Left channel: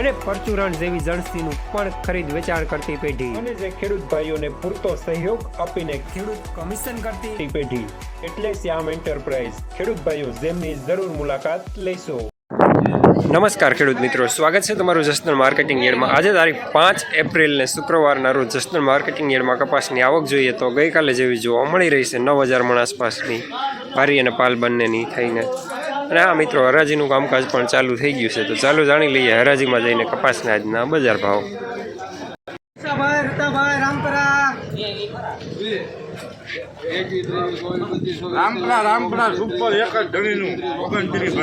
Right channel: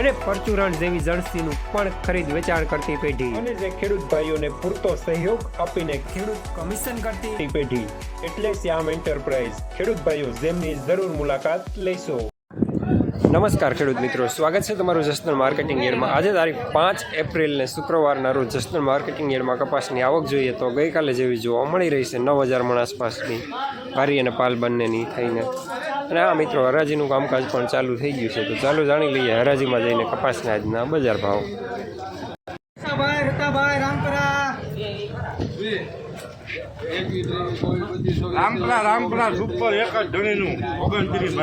અને પરચુરણ જેવી જણસીનું પણ ખરીદ વેચાણ કરતી પેઢી. અને જે ખેડૂત ભાઈઓને પૂરતો સહયોગ આપીને ખેડૂત કમિશન કરતી પેઢી. એટલે શ્યામ એન્ટરપ્રાઇઝ ખેડૂત ભાઈઓ જેમની જરૂર મુલાકાત લેશો. નમસ્કાર ખેડૂત મિત્રો. સ્વાગત છે તમારું જસનલ માર્કેટિંગ યાર્ડમાં. આજે તારીખ પાંચ એપ્રિલને શુક્રવારના રોજ જસનલ માર્કેટિંગ યાર્ડમાં કપાસની આવક જોઈએ તો ગઈકાલે જેવી જોવા મળી રહી છે નવ હજાર મણ આસપાસની. પારી અને પાલ બંનેની થઈને અને આ મિત્રો, હરાજીનું કામકાજ પણ ચાલુ થઈ ગયું છે. તો ચાલો જાણી લઈએ, હરાજીમાં જઈને કપાસના આજના બજાર ભાવ. રામપરા રામપરા સુપર એક જ ધણીનું ઓગણત્રીસ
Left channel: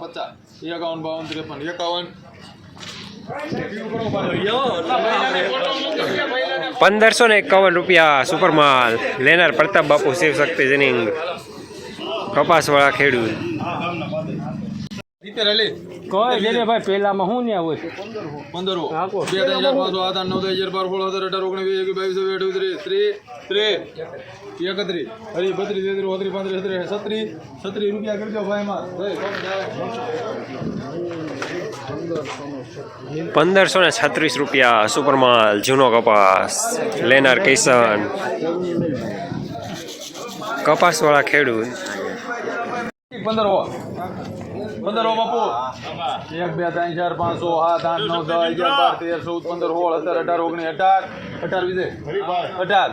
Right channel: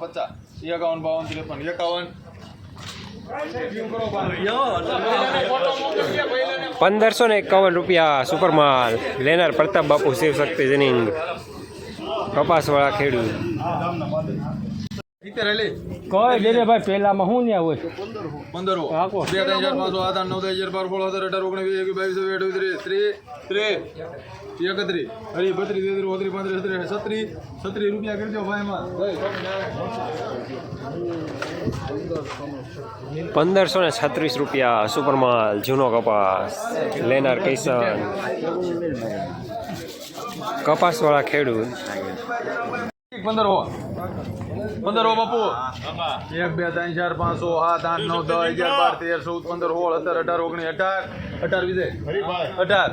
પચાસ. એકાવન બાવન ત્રેપન એકાવન. પંદરસો ને એકાવન રૂપિયા સુપરમાલ. લેનાર પ્રતાપ બાપુ શિવ શક્તિ જનિંગ. કપાસવાળા ખેડૂત. કોઈ દે ભાઈ પેલામાં હું ને આવું પંદરો બે ત્રણ ચાર પાંચ આઠ આઠ નવ હજાર બાર સોળ સત્તર અઢાર ઓગણીસ એક બાવીસ ચોવીસ અઠ્યાવીસ ત્રીસ ત્રીસ. એકત્રીસ. હરી બત્રીસ તેત્રીસ ઓત્રીસ પાંત્રીસ છત્રીસ રૂપિયા કરજો ભાઈ માં પંદરસો ને છત્રીસ રૂપિયા સુપરમાલ જૂનો કપાસ લેનાર કિશન કપાસવાળા ખેડૂત. પંદર હો પંદર હો બાપુ. એક બે ત્રણ ચાર પાંચ સો સાત આઠ નવ દસ અગિયાર બાર તેર ચૌદ પંદર સોળ સત્તર અઢાર ઓગણીસ અઢાર અઢાર વીસ અઢાર.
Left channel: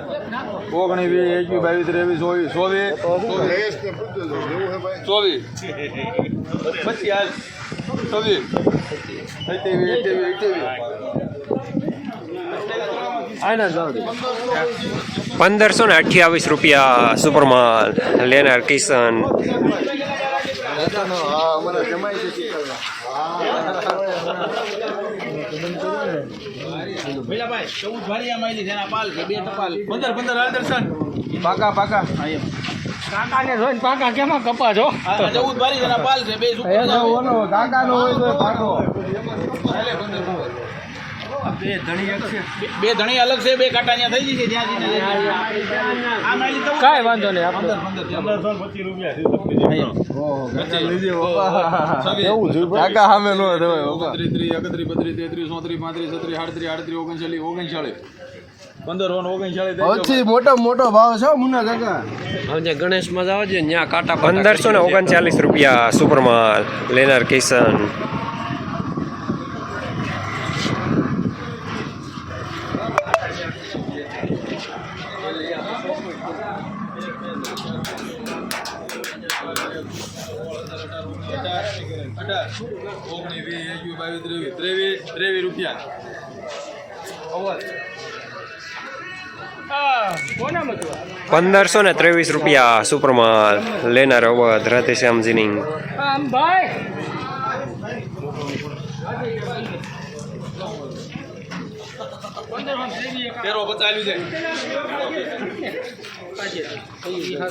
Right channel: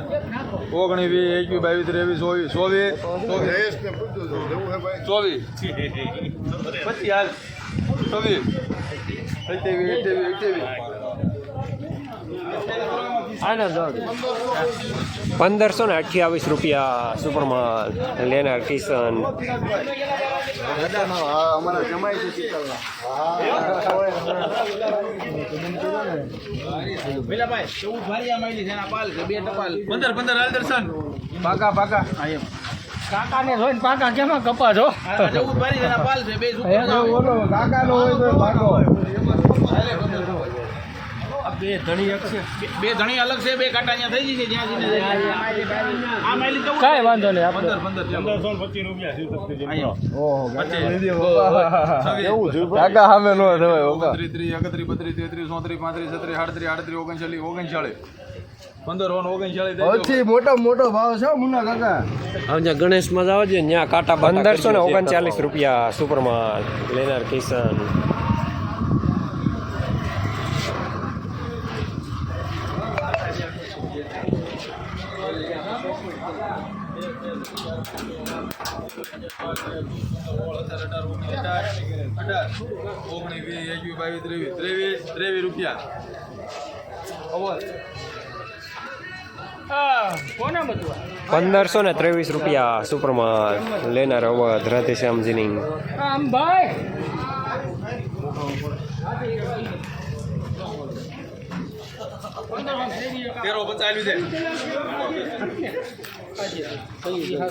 ઓગણીસ વીસ એકવીસ બાવીસ ત્રેવીસ ચોવીસ ચોવીસ. ચોવીસ. પચીસ હાલ. છવ્વીસ અઠ્યાવીસ અઠ્યાવીસ અઠ્યાવીસ પંદરસો ને અઠ્યાવીસ રૂપિયા સુપરમાલ લેનાર કિશન. પંદર પંદર હાલ દર્શન. પાકા પાકા કાકાને જોઈને પાકા કેમાં કપા છો ચૌદ બારી જેના પાલ છે બે ઓલો કાકાનો હોય તો ભાગો બે ધણી અલગ છે બે કાંટા અહીંયા થઈ ગઈ છે ત્યાં જઈને કાંઈ વાંધો નહીં આપણે કાકા સામે નો ત્રીસ એકત્રીસ બત્રીસ તેત્રીસ ચોત્રીસ પાંત્રીસ છત્રીસ આડત્રીસ આડત્રીસ ઓગણચાલીસ ઓગણચાલીસ પંદર વન મોટો મોટો ભાવ છે મુના કાકા. ગણેશમાં જાવ છે ત્યાં કાંટા પંદરસો ને ઓગણચાલીસ રૂપિયા સુપરમાલ લેનાર કિશન. ઓગણીસ ત્રેવીસ રૂપિયા. પંદરસો ને ત્રેવીસ રૂપિયા સુપરમાં લેનાર અવધ રાધેશ્યામ જીનિંગ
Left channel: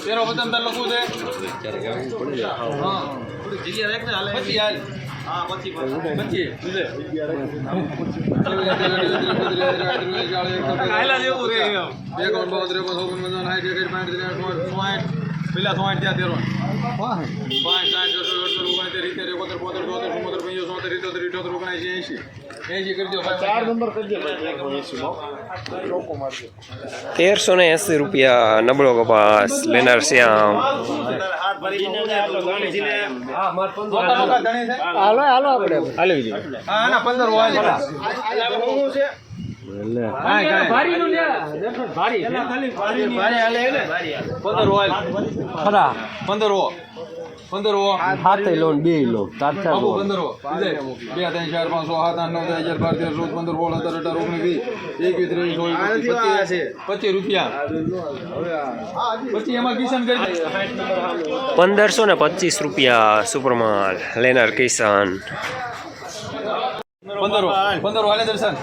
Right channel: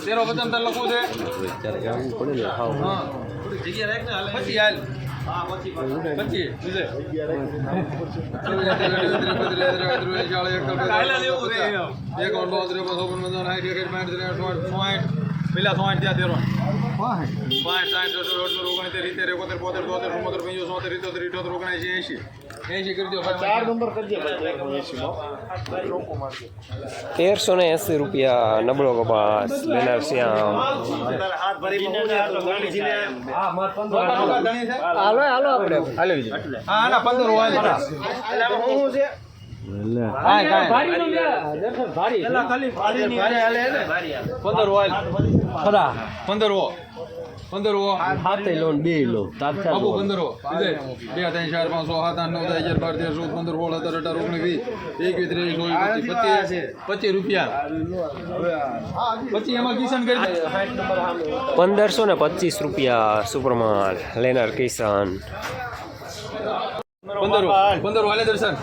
તેરો તાર લખવું છે? એકાવન બાવન ત્રેપન ચોપન પંચાવન સાઠ એકસઠ ચોસઠ ચોસઠ પેલા ચોસઠ ત્યાં તેરો પાંચ સાઠ છસો અડસો ઓગણીસ રીતે એકોતેર બોતેર ચોતેર ચુમ્મોતેર પંચોતેર સોતેર ઇત્તોતેર ઇઠોતેર ઓગણીસ એસી એસી કરજો ચાર નંબર કરજો તેરસો ને એંસી રૂપિયા નબળો કપાસ લેનાર શ્યામ હાલો હાલો આપણે હા ના પંદર પંદર હોય પંદર હો હાથે લોન બે લો તાત્કાલ બાપુ લોન પંદર હો બે ત્રણ ચાર પાંચ છ સાત આઠ નવ દસ હજાર બાર તેર ચૌદ પંદર સોળ સત્તર અઢાર ઓગણીસ વીસ એકવીસ ત્રેવીસ ચોવીસ પચીસ રૂપિયા. પછી એમાં કિશન કરી પંદરસો ને પચીસ રૂપિયા સુપરમાલ લેનાર કિસાન પંદર પંદર વાલે દર્શન.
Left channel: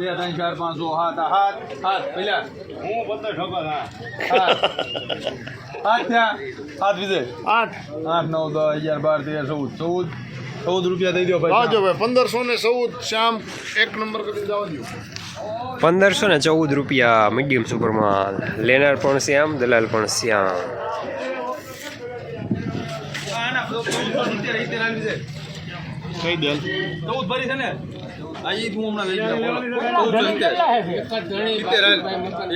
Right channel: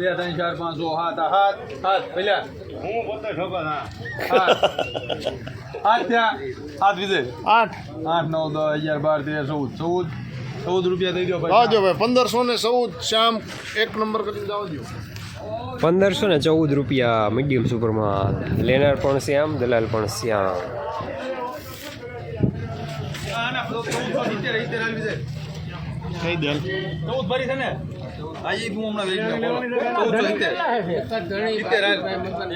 બે ત્રણ ચાર પાંચ છ સાત હાથ હાથ હાથ પહેલા. હાથ. હાથ ત્યાં. હાથ વિજય આઠ. આઠ નવ દસ અગિયાર બાર તેર ચૌદ. ચૌદ. ચૌદ રૂપિયા દઈ દો ભાઈ. ભાઈ પંદરસો ને ચૌદ શ્યામ એક નંબર કરી જવા દો પંદરસો ને ચૌદ રૂપિયા મીડિયમ સુપરમાલ લેનાર પણ શ્યામ દલાલ પણ શ્યામ. કઈ દે ચૌદ ભરી છે ને? ઈ હું હમણાં વેચી આપું. ચૌદસો સિત્તેર. સિત્તેર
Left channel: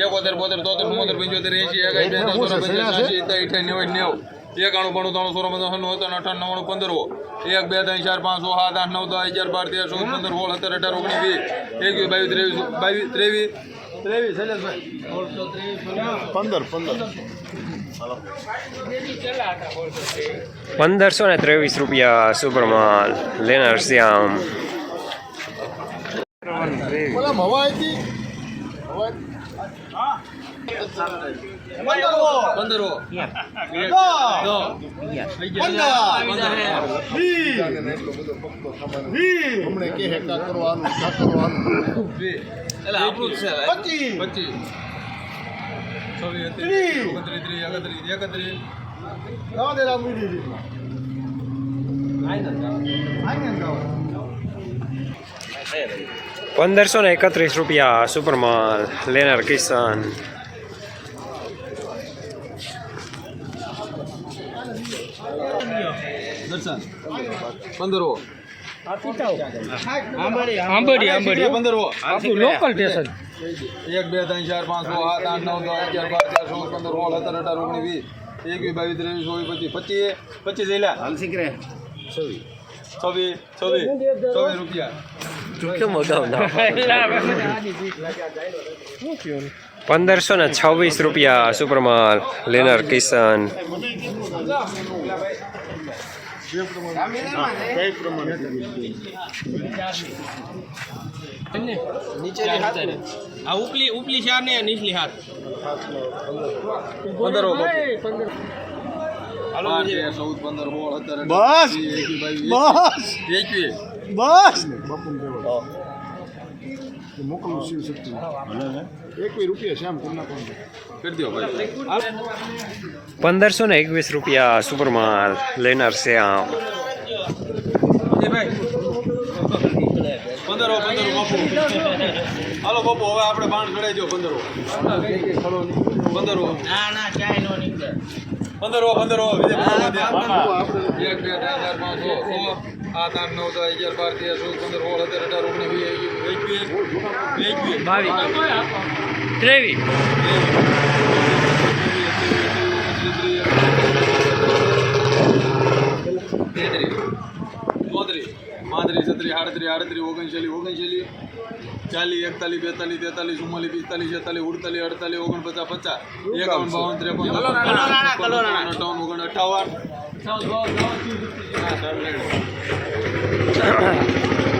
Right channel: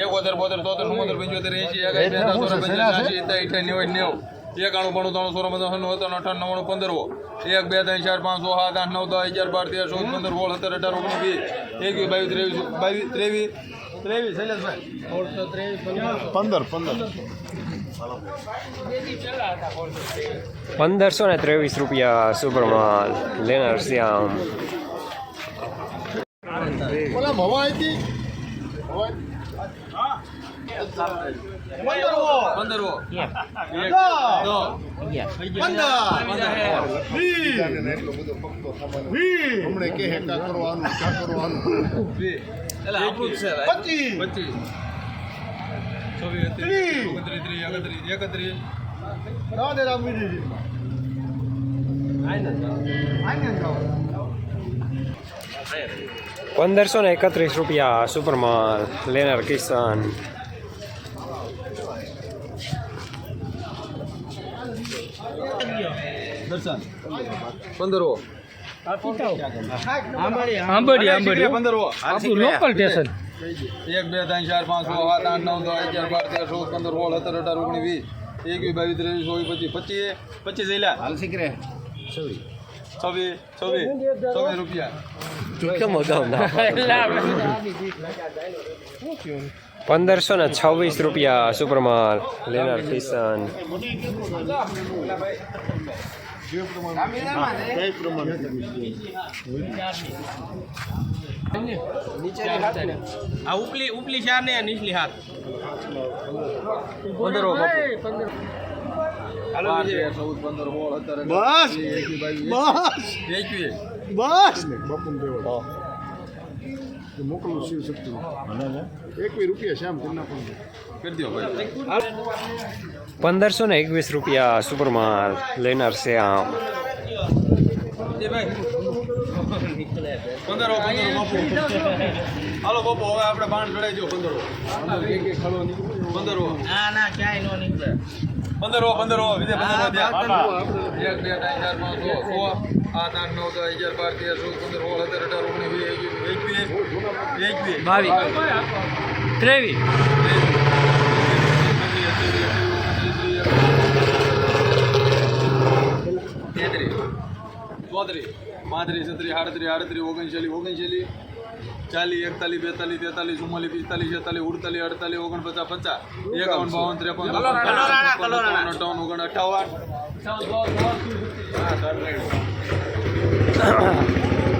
એકોતેર, બોતેર, તોતેર, ચુમ્મોતેર, પંચોતેર, એસી ચોરાણું, પંચાણું, છ્યાસી, નેવું, નેવું. એકાણું, બાણું, ત્રાણું, સોળ, પંદર, નવ્વાણું, અઠાણું, નવ્વાણું, પંદર એક બે ત્રણ ચાર પાંચ સાત આઠ નવ દસ અગિયાર બાર તેર ચૌદ પંદર સોળ સત્તર અઢાર ઓગણીસ વીસ. એકવીસ બાવીસ ત્રેવીસ બાવીસ ત્રેવીસ ત્રેવીસ શૈલેષભાઈ. પંદર પંદર. પંદરસો ને ત્રેવીસ રૂપિયા સુપરમાલ. લેનાર શ્યામ. ઓલા હવા પંદર હમણે કે હે કરવાનું કા કરવાનું એકવીસ, પચીસ છવ્વીસ ત્રીસ ઓગણત્રીસ ત્રીસ એકત્રીસ એકત્રીસ દે રામ દીદી પંદરસો ને એકત્રીસ રૂપિયા સુપરમાલ લેનાર કિસાન દર્શન પંદર હો આંબડી આંબડી પંદર હો લોકલ સ્ટેશન એક બે ત્રણ ચાર પાંચ છ સાત આઠ નવ દસ અગિયાર બાર તેર ચૌદ પંદર સોળ સત્તર અઢાર ઓગણીસ વીસ. એકવીસ બાવીસ ત્રેવીસ ચોવીસ પચીસ. પચીસ પચીસ જઈલા હાલ શીખરે. છવ્વીસ છવ્વીસ છવ્વીસ રૂપિયા. પંદરસો ને છવ્વીસ રૂપિયા સુપરમાલ લેનર કિશન આ ઉપલી ઉપલી ચાર ને નીચલી હાથ પંદર ચૌદ પંદર સોળ સત્તર અઢાર બસ. એકવીસ બસ! મોકલું શિવ શક્તિ. રૂપિયા શ્યામ પણ પંદરસો ને એકવીસ રૂપિયા સુપરમાલ લેનાર શ્યામ આમ પંદર પંદર હાલો બાપુ હવે આપણે બાણ ચડાઈ દો પંદર પંદર ના ના ક્યાંય નો નીકળે. પંદર પંદર. એક બે ત્રણ ચાર પાંચ છ સો આઠ આઠ નવ દસ અગિયાર બાર તેર ચૌદ પંદર સોળ સત્તર અઢાર ઓગણીસ વીસ એકવીસ એકવીસ. બાવીસ. ત્રેવીસ. તેત્રીસ. ચોત્રીસ. પાંત્રીસ છત્રીસ આડત્રીસ આડત્રીસ ઓગણચાલીસ ઓગણચાલીસ. ચાલીસ એકતાલીસ બેતાલીસ તેતાલીસ ચુમ્માલીસ પિસ્તાલીસ છેતાલીસ ઉડતાલીસ અડતાલીસ ઓગણપચાસ પચાસ એકાવન બાવન ત્રેપન. અઠાવન ઓગણ અઠાવન.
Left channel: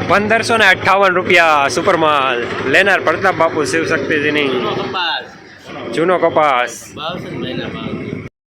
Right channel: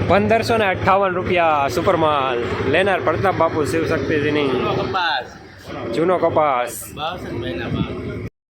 પંદરસો ને અઠાવન રૂપિયા સુપરમાલ લેનાર પ્રતાપ બાપુ શિવશક્તિજીની. જૂનો કપાસ.